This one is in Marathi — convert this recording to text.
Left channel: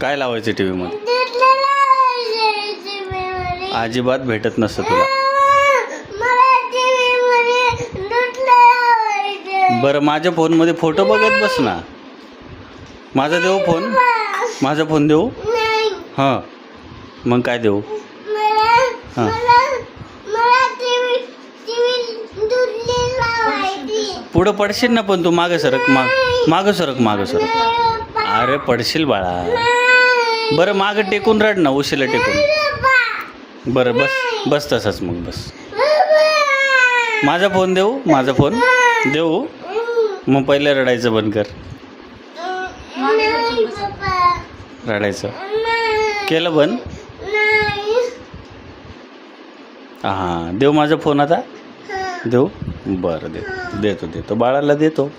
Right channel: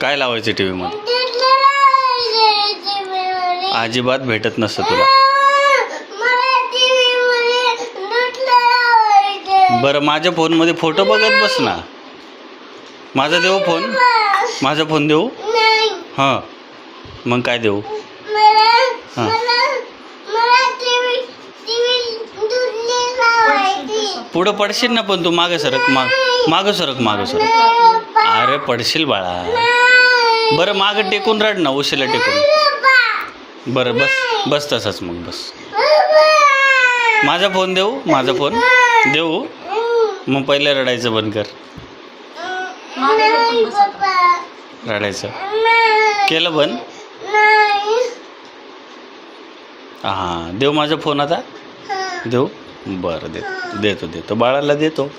काय लावायचं टी व्हीमध्ये अजिबात भेटत नसतं तुला. बरं माझ्या फोनमध्ये फोटो बघत बस ना. माझा देऊ फोन? माझा फोन देऊ? हां. मग काय देऊ? हां. पुढं पडशील ना पण तू मागं सरक माग मागं सरक मागं सरक. अरे पडशील बाळा. बरं मागं टेकून राड ना उशीला टेकून. बरं बस बस तसंच मग बस. माझा फोन देऊ? माझा फोन? देऊ? मग पहिलं रडायचं बंद कर. रडायचं. केलं बंद? हां देऊ माझा फोन आता? देऊ? बरं देतो. देतो देतो. बाळाला देतो.